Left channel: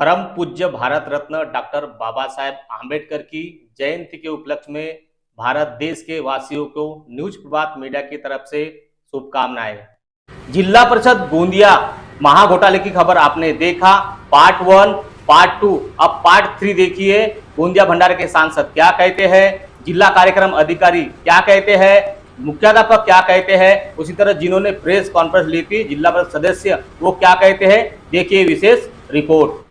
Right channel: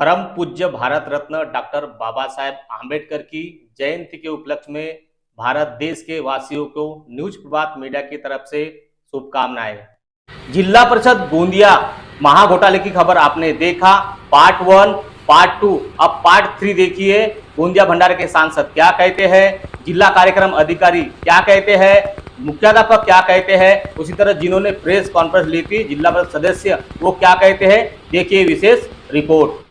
परम पूज्य भारत रत्न डॉक्टर बाबा साहेब आम्बेडकर की जयंती के उपलक्ष्य में भारत देश के वासियों को न्यूज प्रभात मीडिया की तरफ से शुभकामनाएं। जिला परिषद गोंदिया महाघोटाले की खबर आपने देखा, पार्ट 1, पार्ट 2, अब पार्ट 3 देखिए। गोंदिया भंडारे के सांसद क्या कहते हैं, जिला कार्यक्रम अधिकारी क्या कहते हैं, मुख्याध्यापक क्या कहते हैं, उसी तरह जिन्होंने प्रेस कॉन्फ्रेंस ली थी जिला परिषद सदस्य वो क्या कहते हैं, देखिए विशेष रिपोर्ट।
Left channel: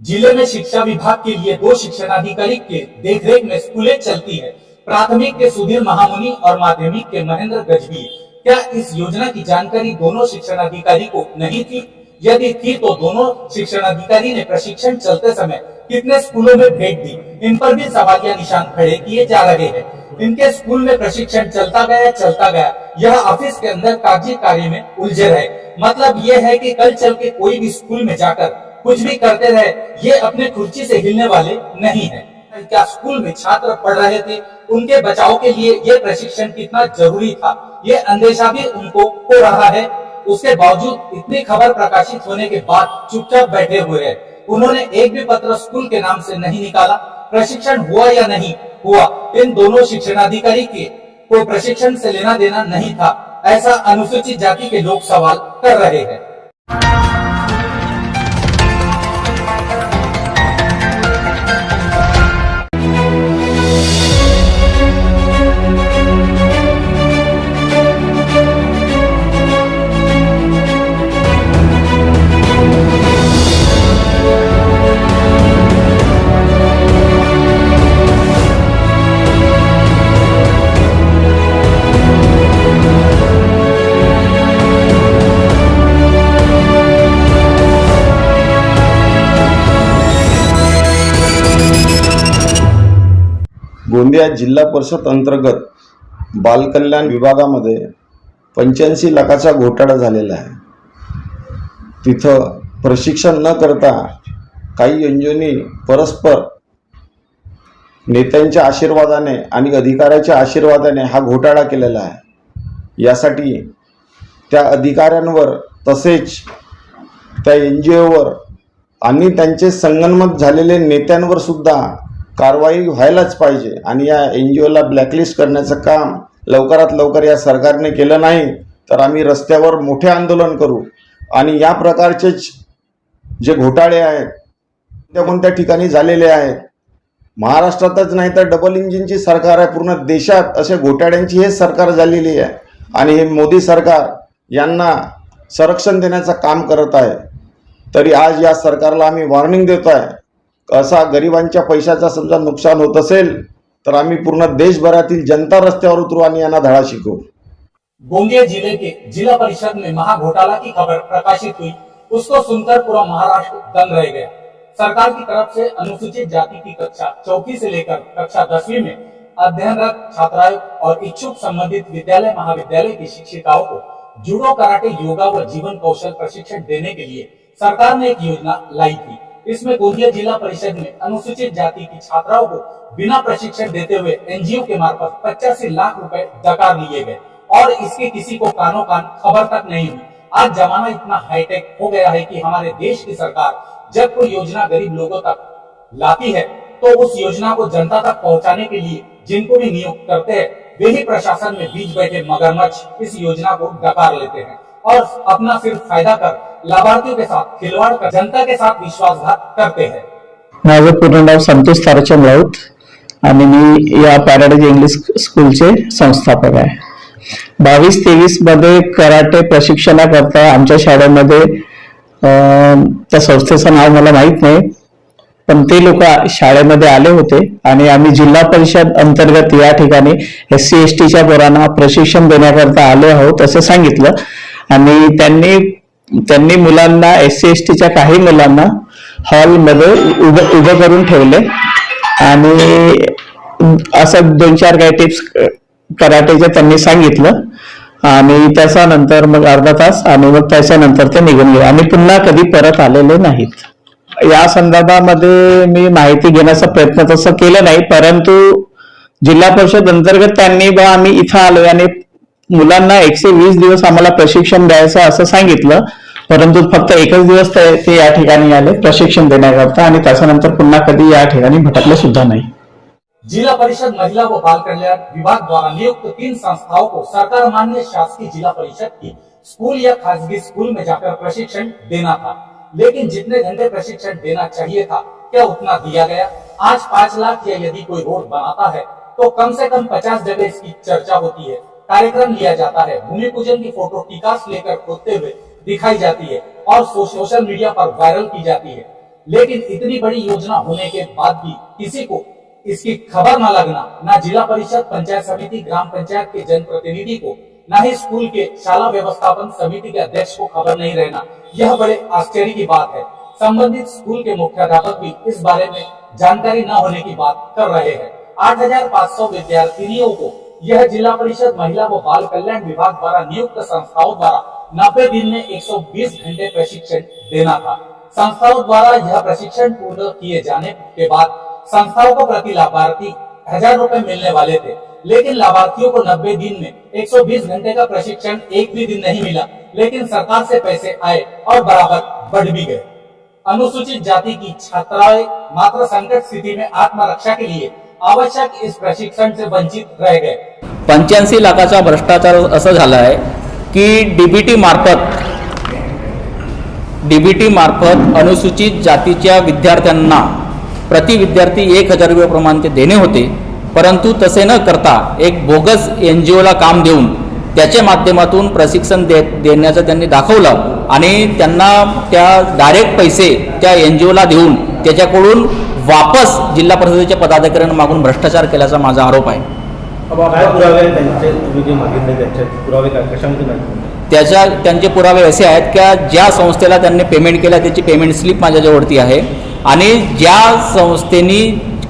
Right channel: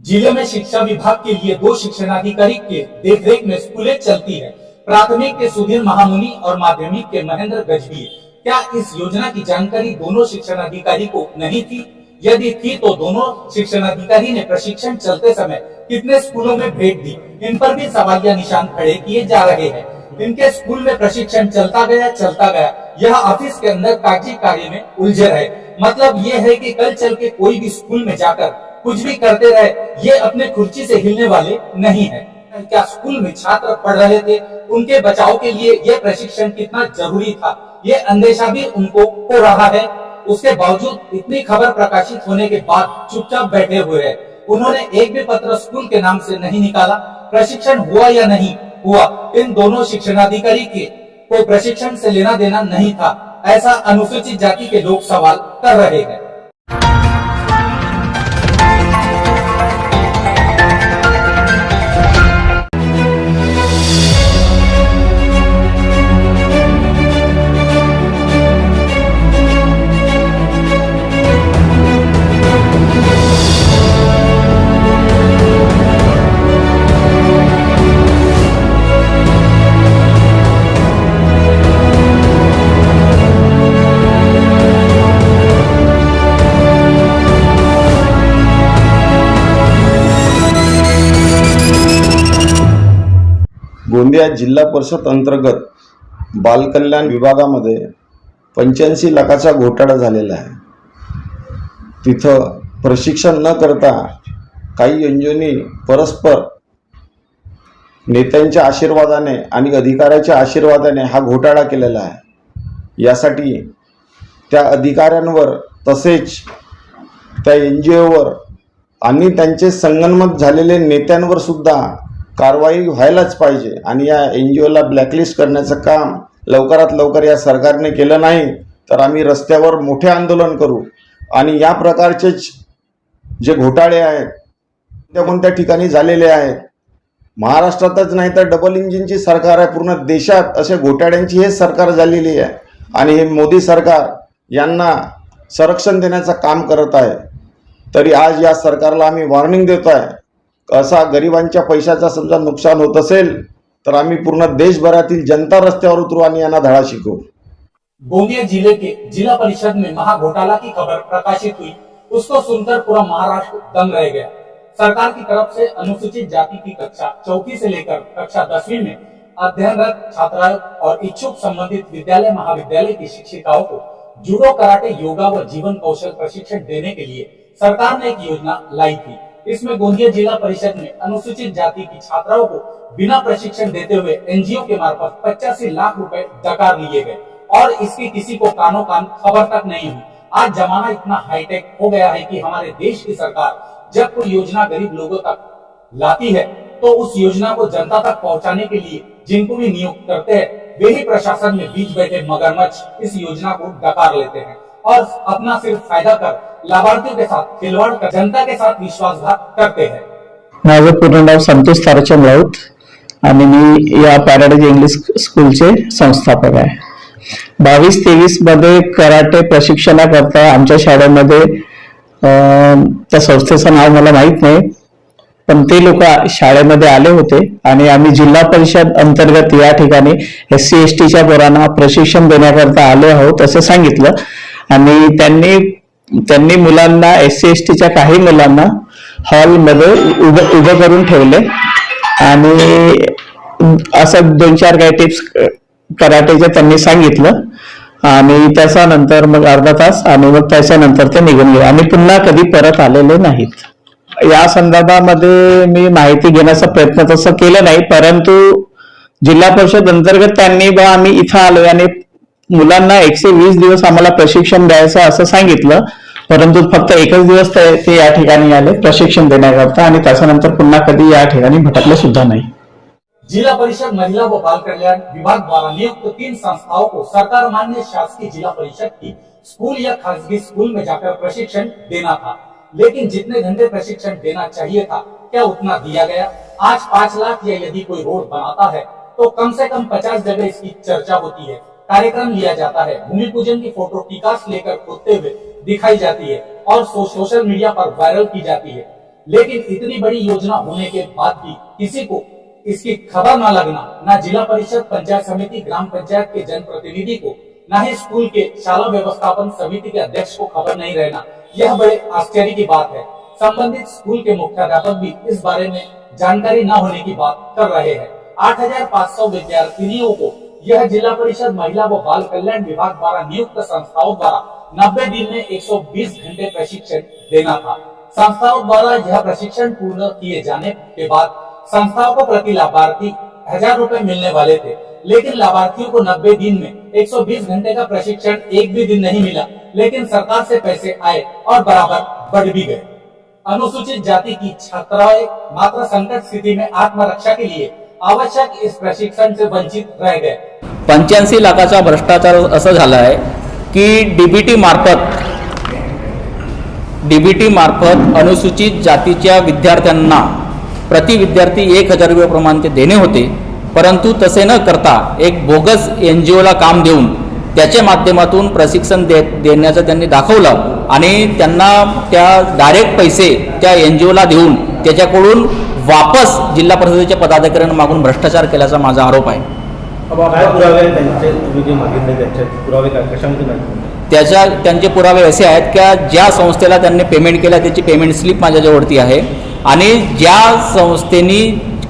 जिले में शिक्षा विभाग के लिए 2 शिक्षणाधिकारी के देखरेख में स्कूलें चलती है। प्राथमिक के सुधीर महामुनि और माध्यमिक के महेंद्र गजबी। क्या इस योजना की जानकारी दोनों शिक्षणाधिकारी को नहीं थी? यदि थी तो दोनों शिक्षणाधिकारी ने प्रशिक्षण चलते समय कितने स्कूलों में भेंट दी? इन पर भी सवालिया निशान खड़े किए जा रहे हैं। इनके स्कूल में प्रशिक्षण चलता गया, यह ऑफिस के अंदर कागजी कार्य में उलझे रहे। मतलब यह है कि कल चल के कोई भी स्कूल में जाकर कुछ भी करते रहे, ये अपने कुर्सी से हिलने वाले नहीं है। क्या स्कूल में छात्र पढ़ रहे थे, उनके बचाव के लिए यह प्रशिक्षण कितना जरूरी था, ये अंदेशा भी उनको हो रहा है। उसके बावजूद इतनी खबर प्रकाशित होने के बाद चुपचाप बैठे हुए हैं। उन्होंने एक भी पत्र स्कूल के नाम से नहीं निकाला। प्रशिक्षण हुआ या नहीं हुआ, इन दोनों शिक्षणाधिकारी के कोई प्रशिक्षण से लेना देना नहीं था, ऐसा अनुसूचित जाति के लोग सवाल कर रहे हैं। गोंदिया जिल्हा परिषद अंतर्गत बालकल्याण विभागामध्ये 85 लाखाचा घोटाळा झालेला आहे। तिथं प्रशिक्षण न करता काही एनजीओनी परस्पर नेत्यांच्या आशीर्वादाने आणि अधिकाऱ्याच्या आशीर्वादाने हा घोटाळा केलेला आहे। यासाठी त्या अधिकाऱ्यांवर तसेच त्या एनजीओवर आणि त्यांचे संगनमत झालेले नेत्यांवर सुद्धा कारवाई व्हायलाच पाहिजे आणि या एनजीओला ब्लॅकलिस्ट करण्याचं काम लवकरात लवकर या सरकारने केलं नाही तर आम्ही रस्त्यावर मोठे आंदोलन करू। आणि या प्रकारचे जे घोटाळे आहेत कोणत्या ठिकाणी झालेले आहेत, महाराष्ट्रातच नाही तर डबल इंजिनची सरकार आहे, पूर्ण देशात अशा घोटाळ्यांची हे सरकार झालेली आहे आणि हे मोदी सरकार यांना संरक्षण देण्याचं काम करत आहे। तरी आज या सरकारला आम्ही वॉर्निंग देतो आहे, असा गरिबांच्या पैशाचा समजा नुकसान होत असेल तर आम्ही पूर्ण देशभरातील जनता रस्त्यावर उतरू आणि यांना धडा शिकवू। गोंदिया जिले के जिला परिषद में महाघोटाला की खबर प्रकाशित हुई, उसको सुनकर पूरा महाराष्ट्र दंग रह गया। सरकार की तरफ से अनुसूचित जाति की कक्षा 4 से लेकर कक्षा 10वीं में अध्ययनरत छात्राओं और इच्छुक संबंधित विद्यालय महाविद्यालय की शिक्षिकाओं को जूडो, कराटे, योगा व जीवन कौशल प्रशिक्षण देने के लिए सरकार ने एक योजना लाई थी। इसमें गोंदिया जिला परिषद में अनुसूचित जाति की छात्राओं को बिना प्रशिक्षण देते हुए एनजीओ के मार्फत 85 लाख रुपए डकार लिए गए और इसकी किसी को कानो कान खबर तक नहीं हुई। आज जमाना इतना हाईटेक हो गया है कि हमारे देश की सरकार जब कोई योजना गरीब लोगों तक लाती है तो उस योजना को जनता तक पहुंचाने के लिए जिनको भी नियुक्त करते हैं वे ही प्रशासन में बीच बैठे मगरमच्छ इस योजना को डकार लेते हैं और अपना सिर्फ फायदा कर लाभार्थियों के साथ खिलवाड़ कर जनता के साथ विश्वासघात करते हैं। माझं पूर्ण नाव संतोष ताराचंद राऊत आणि मी या पॅराडाइज इंग्लिश स्कूलचे संस्थापक आहे। 22-23 मध्ये कराटे प्रशिक्षणाकरता आमच्या शाळेमध्ये त्या संस्थेचं नाव मला माहित नाही, पण ते लोक शाळेमध्ये आले होते आणि आम्ही जिल्हा परिषद अंतर्गत या ठिकाणी SC STच्या पोरांना प्रशिक्षण देण्याकरता आलो आहोत असं सांगितलं आणि त्यांनी मुलांना SC STच्या काही मुलांना हॉलमध्ये उभं करून ठेवले आणि असं 2-4 काही टिप्स कराटेच्या त्यांनी सांगितलं आणि त्याच्यानंतर मग अर्धा तास आणि मग त्याच्यानंतर ते निघून गेले आणि पुन्हा कधी परत आलेले नाहीत। या संदर्भामध्ये मी माहिती घेण्याचा प्रयत्न तसं केलं नाही, परंतु जिल्हा परिषद अंतर्गत त्यांनी आम्ही इथं आलो आणि मुलांना 120 दिवस आम्हाला प्रशिक्षण द्यायचं असं सांगितलं, परंतु फक्त एकच दिवस ते या ठिकाणी आले प्रशिक्षण देण्याकरता आणि त्याच्यानंतर पुन्हा कधी या ठिकाणी भटकले सुद्धा नाही. जिला परिषद महिला व बाल कल्याण विभाग द्वारा नियुक्त 3 संस्थाओं को सरकार मान्य शासकीय जिला परिषद की स्कूल या खासगी स्कूल में जाकर प्रशिक्षण देना था, लेकिन जितने घंटे प्रशिक्षण देना चाहिए था क्या उतना दिया गया? आज 5 लाख या यदि कोई रोड बनाता है तो कम से कम 50 जगह इसकी चर्चा होती है, कार्यक्रम लिया जाता है, भूमि पूजन की फोटो टिकास लेकर खोदते हुए दिखाई जाती है और सोशल मीडिया पर वायरल की जाती है, लेकिन इतनी बड़ी योजना होने के बाद भी किसी को इसकी खबर न लगना, ना जिला परिषद, पंचायत समिति, ग्राम पंचायत के जनप्रतिनिधि को, ना ही स्कूल के शाला व्यवस्थापन समिति के अध्यक्ष को खबर नहीं रहना, यह बड़े आश्चर्य की बात है. संबंधित स्कूल के मुख्याध्यापक भी इस बारे में जानकारी न होने की बात कर रहे हैं. 8,500 विद्यार्थिनियों को यह जिला परिषद महिला व बाल कल्याण विभाग द्वारा नियुक्त संस्थाओं द्वारा 90 दिन में 120 घंटे प्रशिक्षण देना था. संस्थाओं द्वारा यह प्रशिक्षण पूर्ण किए जाने के बाद संस्थाओं को प्रति लाभार्थी 1,000 रुपए मिलने वाले थे, लेकिन लाभार्थियों को 90 दिन में 120 घंटे का प्रशिक्षण एक भी दिन नहीं मिला, लेकिन सरकार से पैसे आए और बराबर बढ़ भी गए. अनुसूचित जाति की छात्राएं मात्र संकट स्थिति में आत्मरक्षा के लिए आवश्यक इस प्रशिक्षण से वंचित रह गए. 85 लाखाचा भ्रष्टाचार असं झाला आहे की डीबीटी मार्फत अनुसूचित जातीच्या विद्यार्थ्यांना प्रति विद्यार्थी 1,000 रुपये ते देणे होते, परंतु तसे न करता एक बोगस NGOला काम देऊन त्याच्या माध्यमातून प्रशिक्षण देण्याचं त्यांनी दाखवलं आणि त्यांना त्या डायरेक्ट पैसे त्या NGOला देऊन त्याच्याकडून वापस जिल्हा परिषदेच्या पदाधिकाऱ्यांना मागून भ्रष्टाचार केल्याचा माझा आरोप आहे. काय पुरावे त्यांचे तुम्ही जे मागितले त्याचे पुरावे काय कशामध्ये नाही? त्यांचे पुरावे असे आहेत की ज्या संस्थेला त्यांनी पेमेंट केला त्याची पेमेंट स्लिप माझ्याजवळती आहे आणि ज्या संस्थेने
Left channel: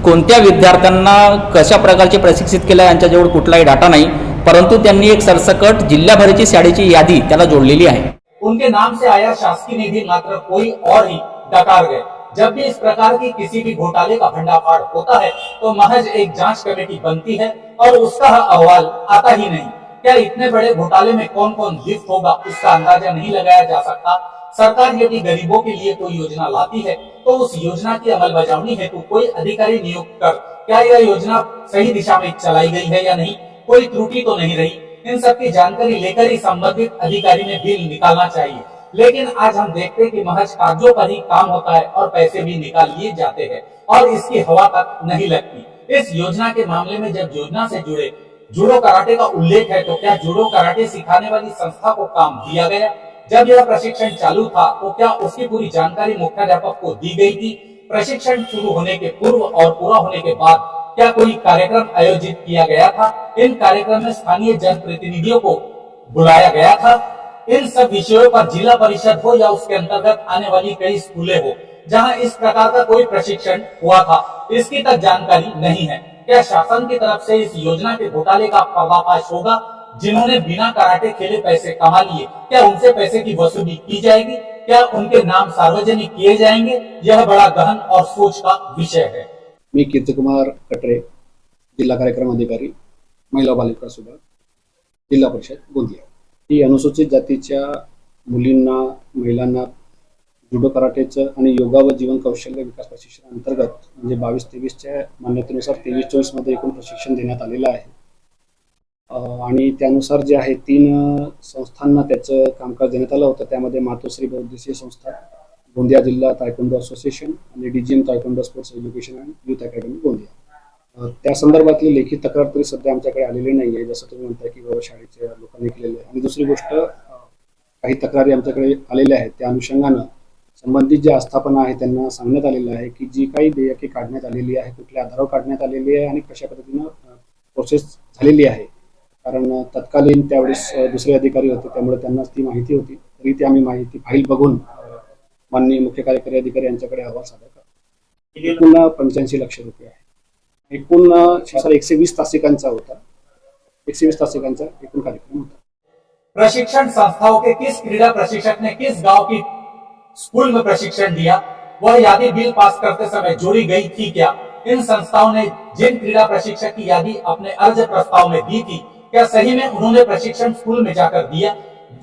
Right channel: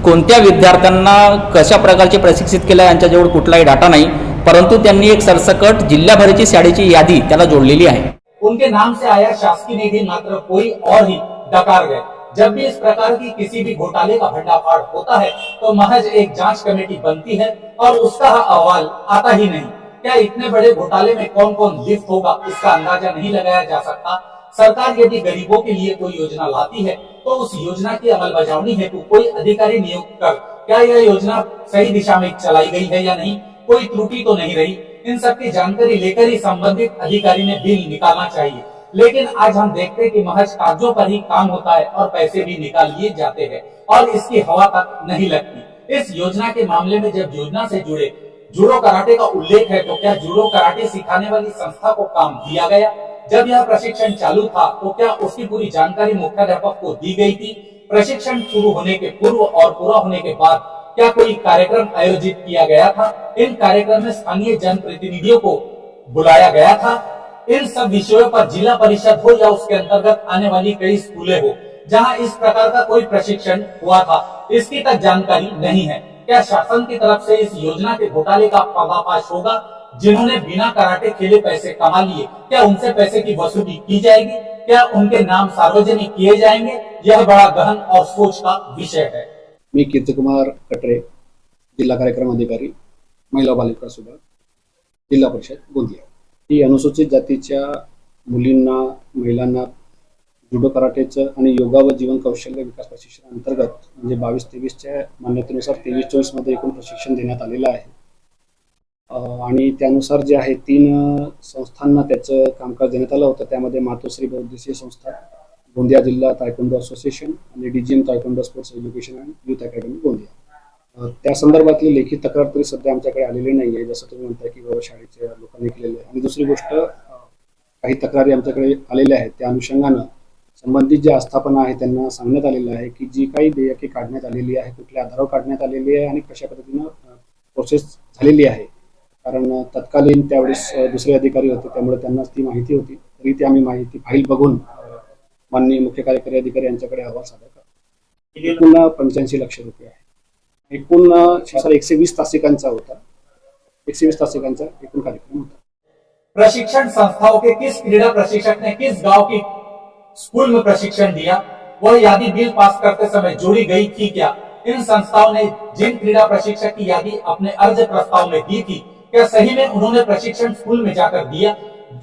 कोणत्या विद्यार्थ्यांना कशा प्रकारचे प्रशिक्षित केलं यांच्याजवळ कुठलाही डाटा नाही, परंतु त्यांनी एक सरसकट जिल्हाभराची शाळेची यादी त्याला जोडलेली आहे. उनके नाम से आया शासकीय निधि मात्र कोई और ही डकार गए. जब भी इस प्रकार की किसी भी घोटाले का भंडाफाड़ होता है तो महज एक जांच कमेटी बनती है और उसका अहवाल आता ही नहीं. क्या इतने बड़े घोटाले में कौन कौन लिप्त होगा इसका अंदाजा नहीं लगाया जा सकता. सरकार यदि गरीबों के लिए कोई योजना लाती है तो उस योजना की अमलबजावनी हेतु कोई अधिकारी नियुक्त कर क्या यह योजना सही दिशा में चलाई गई है या नहीं, कोई त्रुटि तो नहीं रही, इन सब की जानकारी लेकर ही संबंधित अधिकारी ने बिल निकालना चाहिए. लेकिन आज हम देखते हैं कि महज कागजों पर ही काम होता है और पैसे भी निकाल लिए जाते हैं और इसकी हवा तक नहीं लगती. इस योजना के मामले में जब योजना से जुड़े जूडो कराटे का उल्लेख है तो क्या जूडो कराटे सिखाने वाली संस्था को काम दिया गया? जब यह प्रशिक्षण चालू था तो क्या उसकी पूरी जानकारी मुख्याध्यापक को दी गई थी? प्रशिक्षण शुरू होने के पूर्व और पूरा होने के बाद क्या कोई कार्यक्रम आयोजित किया गया था? इन कार्यक्रम में स्थानीय जनप्रतिनिधियों को बुलाया गया था? इन सब विषयों पर जिला परिषद हो या उसके अंतर्गत आने वाली कई स्कूलें हो जहां इस प्रकार का कोई प्रशिक्षण हुआ था, इसकी तक जानकारी नहीं है. क्या शासन की तरफ से इस योजना के घोटाले का पर्दाफाश होगा? जिन्होंने बिना कराटे खेले पैसे कमा लिए क्या उनसे पैसे की वसूली की जाएगी? क्या उनके नाम सार्वजनिक किए जाएंगे? यह बड़ा गहन और सोच का विषय है. मी कीर्तिकुमार कटरे, जिल्हा कार्यक्रम अधिकारी, महिला बाल विकास विभाग, जिल्हा परिषद गोंदिया. ही अनुसूचित जातीच्या मुलींना, महिलांना जुडो कराटेचं आणि योगा व जीवन कौशल्य विकास प्रशिक्षण अंतर्गत म्हणजे 22-23च्या मान्यतेनुसार 23-24 मध्ये एकूण प्रशिक्षण देण्यात आलेलं आहे. आणि त्यानुसार जे आहे 3 संस्थांना त्याचं कामकाज देण्यात आलं होतं. त्यामध्ये मातोश्री बहुउद्देशीय संस्था, गोंदिया जिल्हा तायक्वांडो असोसिएशन आणि DGM taekwondo sports education and youth academy Gondia. त्या संदर्भातली लेखी तक्रार तरी सध्या आमच्याकडे आलेली नाही आहे, जसं तुम्ही म्हणताय की बाबा शाळेच्या लोकांनी केलेलं आहे. आणि दुसरी गोष्ट, काही तक्रारी आमच्याकडे आलेल्या आहेत त्या अनुषंगानं संबंधित जे आस्थापना आहे त्यांना सांगण्यात आलेलं आहे की जी काही देयके काढण्यात आलेली आहे, कुठल्या आधारावर काढण्यात आलेली आहे आणि कशा पद्धतीनं प्रोसेस झालेली आहे. कारण तत्कालीन त्यावेळेस दुसरे अधिकारी होते, त्यामुळे त्यांना ती माहिती होती. तरी ती आम्ही माहिती फाईल बघून माननीय मुख्य कार्यकारी अधिकारी यांच्याकडे अहवाल सादर करतो. एकूण 85 लाख रुपये आहे. एकूण 120 तासिकांचा होता. 120 तासिकांचा एकूण कार्यक्रम होता. प्रशिक्षण संस्थाओं के किस क्रीड़ा प्रशिक्षक ने किस गांव की स्कूल में प्रशिक्षण दिया, वह यादी बिल पास करते समय जोड़ी गई थी क्या? इन संस्थाओं ने जिन क्रीड़ा प्रशिक्षक की यादी अपने अर्ज प्रस्ताव में दी थी क्या सही में उन्होंने प्रशिक्षण स्कूल में जाकर दिया?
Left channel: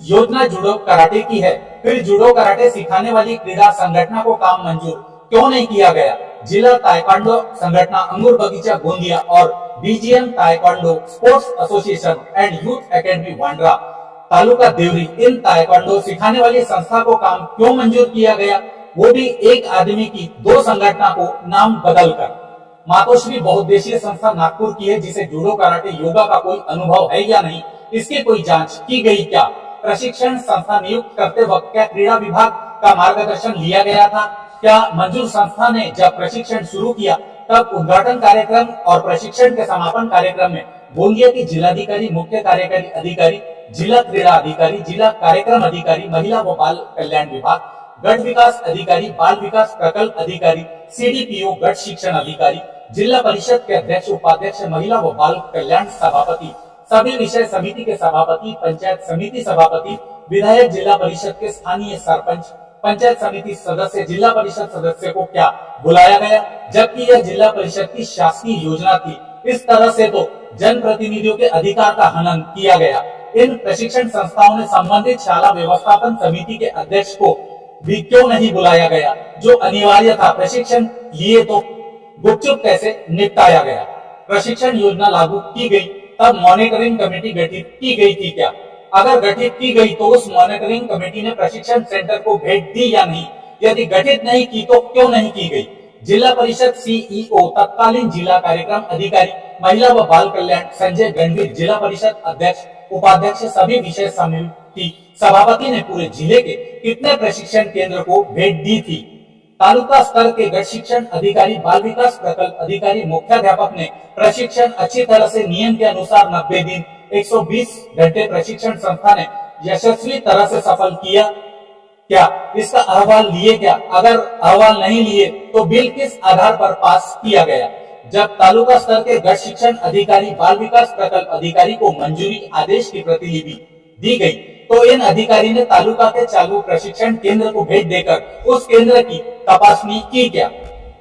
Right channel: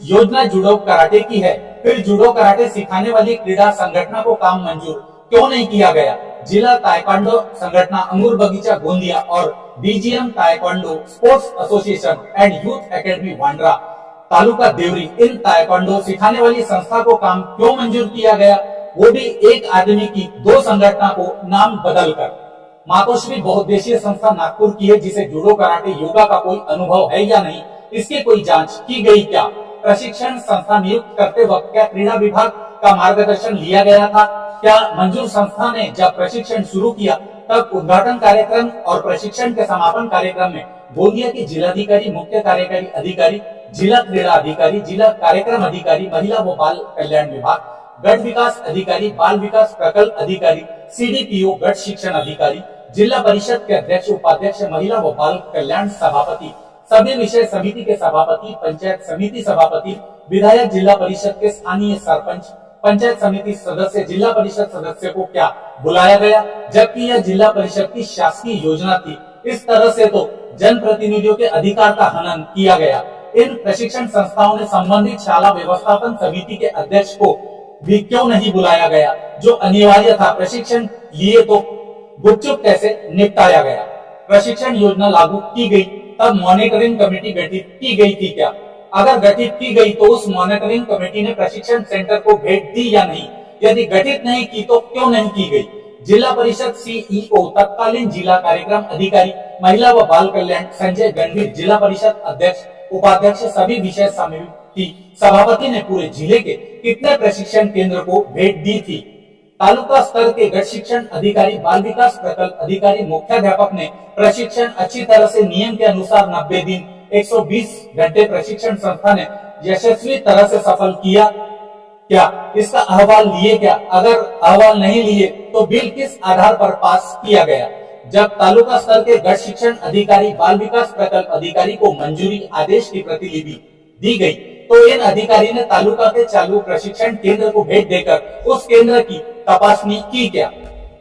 योजना जूडो कराटे की है, फिर जूडो कराटे सिखाने वाली क्रीड़ा संगठना को काम मंजूर क्यों नहीं किया गया? जिला ताइक्वांडो संगठना अंगूर बगीचा गोंदिया और BGM taekwondo sports association and youth academy Wandra taluka Deori, इन ताइक्वांडो सिखाने वाली संस्था को काम क्यों मंजूर किया गया? वो भी एक आदमी की दो संगठना को नाम बदलकर। मातोश्री बहुउद्देशीय संस्था नागपुर की है, जिसे जूडो कराटे योगा का कोई अनुभव है या नहीं, इसकी कोई जांच की गई क्या? प्रशिक्षण संस्था नियुक्त करते वक्त क्या क्रीड़ा विभाग का मार्गदर्शन लिया गया था? क्या मंजूर संस्था ने जब प्रशिक्षण शुरू किया तब उद्घाटन कार्यक्रम और प्रशिक्षण के समापन कार्यक्रम में गोंदिया की जिलाधिकारी, मुख्य कार्यकारी अधिकारी, जिला क्रीड़ा अधिकारी, जिला कार्यक्रम अधिकारी, महिला व बाल कल्याण विभाग, गट विकास अधिकारी, बाल विकास प्रकल्प अधिकारी, सीडीपीओ, गट शिक्षण अधिकारी, जिला परिषद के अध्यक्ष, उपाध्यक्ष, महिला व बाल कल्याण सभापति, सभी विषय समिति के सभापति, पंचायत समिति सभापति, विधायक, जिला परिषद के स्थानीय सरपंच, पंचायत समिति सदस्य, जिला परिषद सदस्य को क्या बुलाया गया? जबकि यह जिला परिषद की शासकीय योजना थी। इस तरह से तो जनप्रतिनिधियों के अधिकार का हनन किया गया। इन प्रशिक्षण संस्थाओं ने संबंधित शाला व्यवस्थापन समिति के अध्यक्ष को भी क्यों नहीं बुलाया गया, जो अनिवार्य था? प्रशिक्षण लिए तो गुपचुप कैसे निपटाया गया? प्रशिक्षण योजना लागू की गई तब मॉनिटरिंग कमेटी गठित की गई थी क्या? अगर गठित की गई तो उस मॉनिटरिंग कमेटी ने प्रशिक्षण सेंटर को भेंट दी या नहीं? यदि गठित नहीं की तो क्यों नहीं की गई? जिला परिषद सीईओ, तत्कालीन जिला कार्यक्रम अधिकारी, महिला व बाल कल्याण संजय गणवीर, जिला परिषद अध्यक्ष, उपाध्यक्ष, सभी विषय समिति सभापति ने पूरे जिले के कितने प्रशिक्षण केंद्र को भेंट दी थी? तालुका स्तर के गट शिक्षण अधिकारी, बाल विकास प्रकल्प अधिकारी, मुख्याध्यापक ने प्रशिक्षण अच्छी तरह से नियम के अनुसार 90 दिन 120 घंटे प्रशिक्षण संस्था ने यशस्वी तरह से सफल किया क्या? इसका अहवाल लिए क्या? अगर अहवाल नहीं लिए तो बिल किस आधार पर पास किया गया? जब तालुका स्तर के गट शिक्षण अधिकारी, बाल विकास प्रकल्प अधिकारी को मंजूरी आदेश की प्रतिलिपि दी गई तो इन अधिकारी ने तालुका के चालू प्रशिक्षण केंद्र को भेंट देकर उस केंद्र की तपासनी की क्या?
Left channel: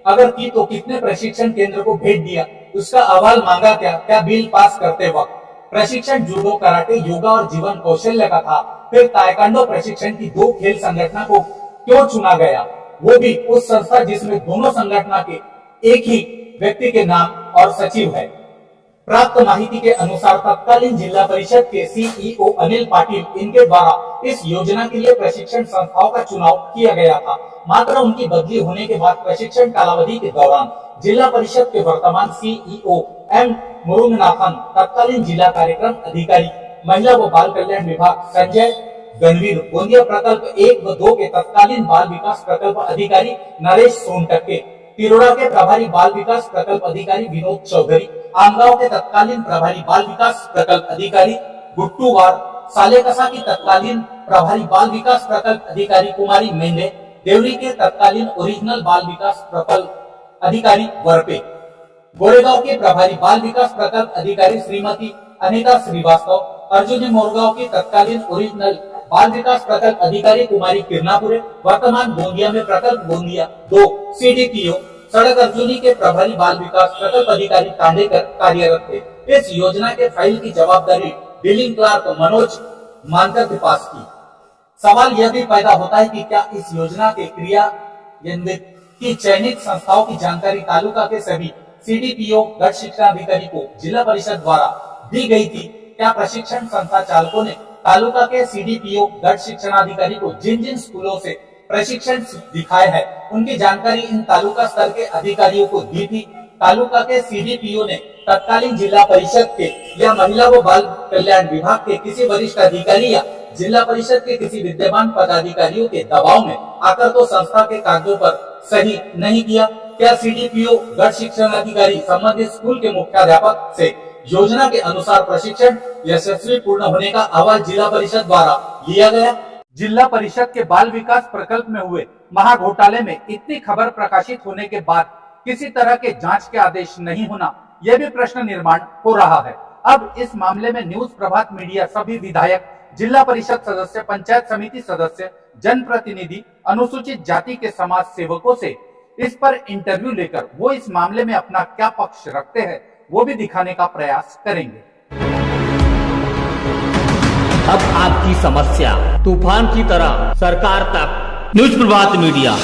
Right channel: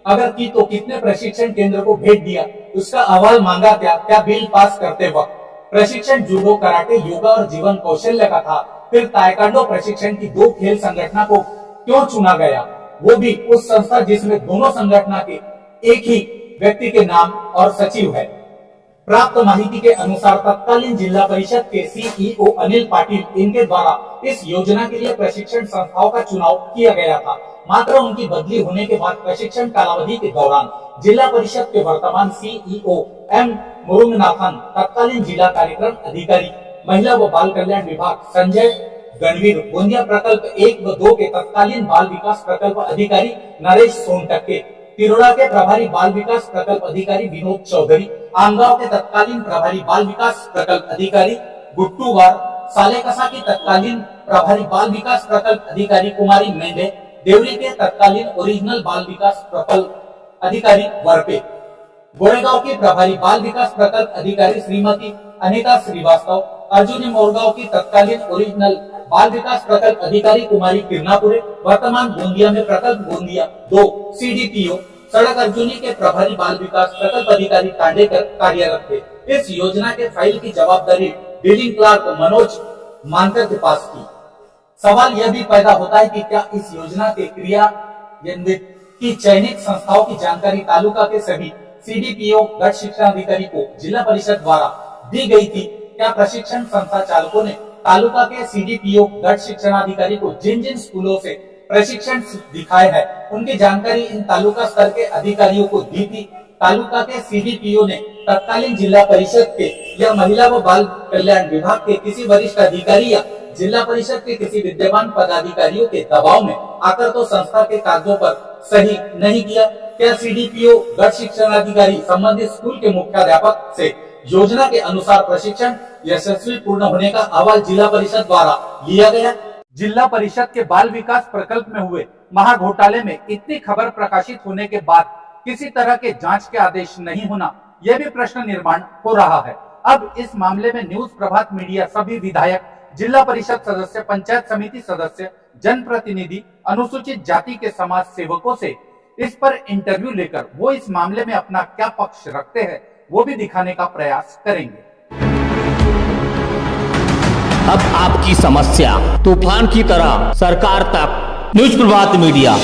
अगर की तो कितने प्रशिक्षण केंद्र को भेंट दिया? उसका अहवाल मांगा क्या? क्या बिल पास करते वक्त प्रशिक्षण जूडो, कराटे, योगा और जीवन कौशल्य का था? फिर ताइक्वांडो प्रशिक्षण की दो खेल संगठना को क्यों चुना गया, वो भी उस संस्था जिसमें दोनों संगठना के एक ही व्यक्ति के नाम और सचिव है? प्राप्त माहिती के अनुसार तत्कालीन जिला परिषद के सीईओ अनिल पाटिल, इनके द्वारा इस योजना के लिए प्रशिक्षण संस्थाओं का चुनाव किया गया था। मात्र उनकी बदली होने के बाद प्रशिक्षण कालावधि के दौरान जिला परिषद के वर्तमान सीईओ एम मुरुगनाथन, तत्कालीन जिला कार्यक्रम अधिकारी, महिला व बाल कल्याण विभाग संजय गणवीर, गोंदिया प्रकल्प 1 व 2 के तत्कालीन बाल विकास प्रकल्प अधिकारी नरेश सोनटक्के, तिरोड़ा के प्रभारी बाल विकास प्रकल्प अधिकारी विनोद चौधरी, आमगांव के तत्कालीन प्रभारी बाल विकास प्रकल्प अधिकारी गुट्टूवार, सालेकसा की तत्कालीन प्रभारी बाल विकास प्रकल्प अधिकारी कुमारी मेंढे, देवरी के तत्कालीन ओरिजिनल बाल विकास प्रकल्प अधिकारी वरपे, गोरेगांव के प्रभारी बाल विकास प्रकल्प अधिकारी श्रीमती अनिता श्रीवास्तव, अर्जुनी मोरगांव की तत्कालीन ओरिजिनल बाल विकास प्रकल्प अधिकारी कुमारी किरनापुरे, वर्तमान गोंदिया में प्रकल्प गोंदिया 2 सीडीपीओ, सड़क अर्जुनी के प्रभारी बाल विकास प्रकल्प अधिकारी तांडेकर कार्यरत थे। इस योजना के फाइल की जवाबदारी डीलिंग क्लार्क मनोज मानकर के पास की। सवाल यह भी पैदा होता है कि क्या इस योजना के क्रियान्वित की चयनित संस्थाओं की जानकारी तालुका के सभी सीडीपीओ, गट शिक्षण अधिकारी को जिला परिषद द्वारा दी गई थी? क्या प्रशिक्षण संस्था चालकों ने तालुका के सीडीपीओ, गट शिक्षण अधिकारी को जिन जिन स्कूलों से प्रशिक्षण दिखाए है उनकी जानकारी इन तालुका स्तर के अधिकारियों को दी थी? तालुका के सीडीपीओ ने तत्कालीन जिला परिषद के या महिला व बाल कल्याण विभाग के किसी वरिष्ठ अधिकारी या जिला परिषद के किसी विद्यमान पदाधिकारियों के दबाव में आकर तो संस्था के कागजों पर सही नहीं किया? क्या सीडीपीओ, गट शिक्षण अधिकारी संबंधित स्कूल के मुख्याध्यापक से योजना के अनुसार प्रशिक्षण यशस्वी पूर्ण होने का अहवाल जिला परिषद द्वारा लिया गया? जिला परिषद के बाल विकास प्रकल्प में हुए महाघोटाले में इतनी खबर प्रकाशित होने के बाद किसी तरह के जांच के आदेश नहीं होना, यह भी प्रश्न निर्माण हो रहा है। अब इस मामले में न्यूज प्रभात मीडिया सभी विधायक, जिला परिषद सदस्य, पंचायत समिति सदस्य, जनप्रतिनिधि, अनुसूचित जाति के समाज सेवकों से इस पर इंटरव्यू लेकर वो इस मामले में अपना क्या पक्ष रखते हैं वो भी दिखाने का प्रयास करेंगे। अब आपकी समस्या तूफान की तरह सरकार तक। न्यूज प्रभात मीडिया।